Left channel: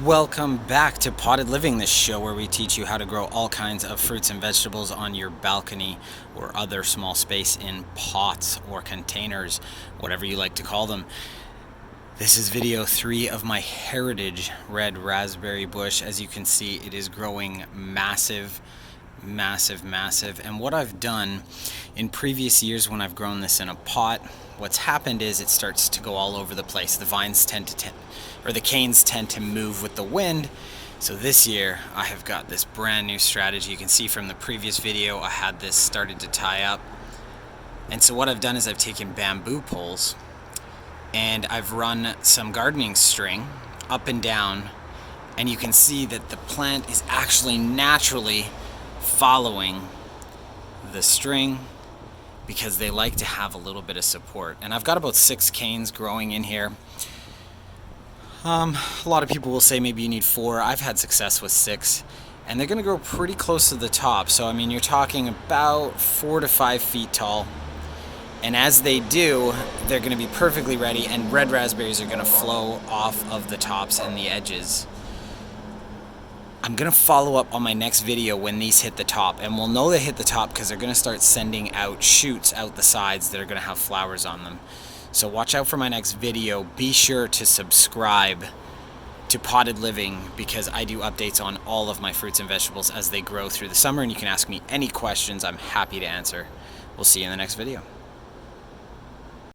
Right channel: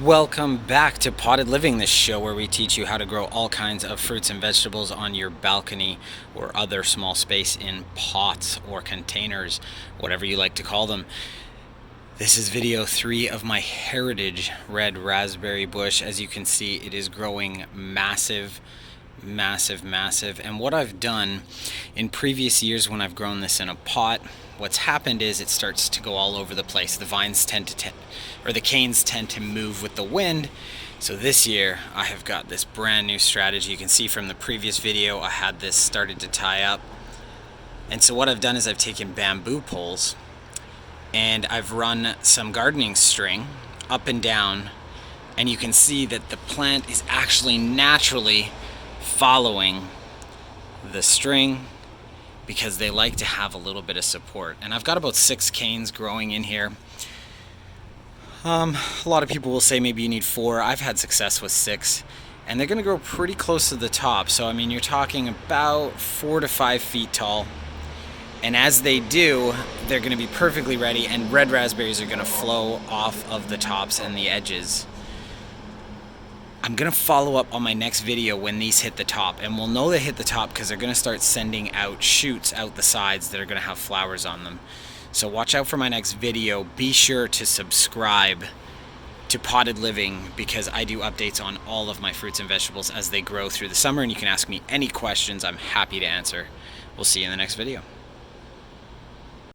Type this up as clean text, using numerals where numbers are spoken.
Welcome back to Potted Living, this show where we teach you how to grow all kinds of fruits and vegetables on your balcony or other small space in pots or containers, whatever you like to call them. This is video 3 of my heritage red raspberry bush. As you can see, it is growing massive. And what I've done in previous years when I've grown this in a pot, what's happened is it starts to go all over the place. The vines tend to the canes tend to move with the wind. So this year I have got this brand new strategy. You can see from the previous video I had this started to tie up. And so what I've done is I've taken bamboo poles and I've run some gardening string up and down, and you can see that the plant is actually naturally following the string because they like to have a little bit of support. And I've got about 6 canes growing in here. A lot of people will say maybe you need 4. I've had success with 6, and they're going to grow pretty close to the top. So I mean, you're talking about 4 to 5 feet tall. And as they do, they're going to be perfectly ready, and red raspberries are going to flow off of the tops and the edges. I'm going to follow up on my next video when these hit the top, and we'll know they hit the top because they're going to start sending out shoots out the sides that are going to have flowers on them. So watch out for my next video. Be sure to subscribe to Potted Living because I do updates on all of my fruits and vegetables as they grow through the summer, and you can ask me any questions. I'm happy to answer. We'll see you in the next video.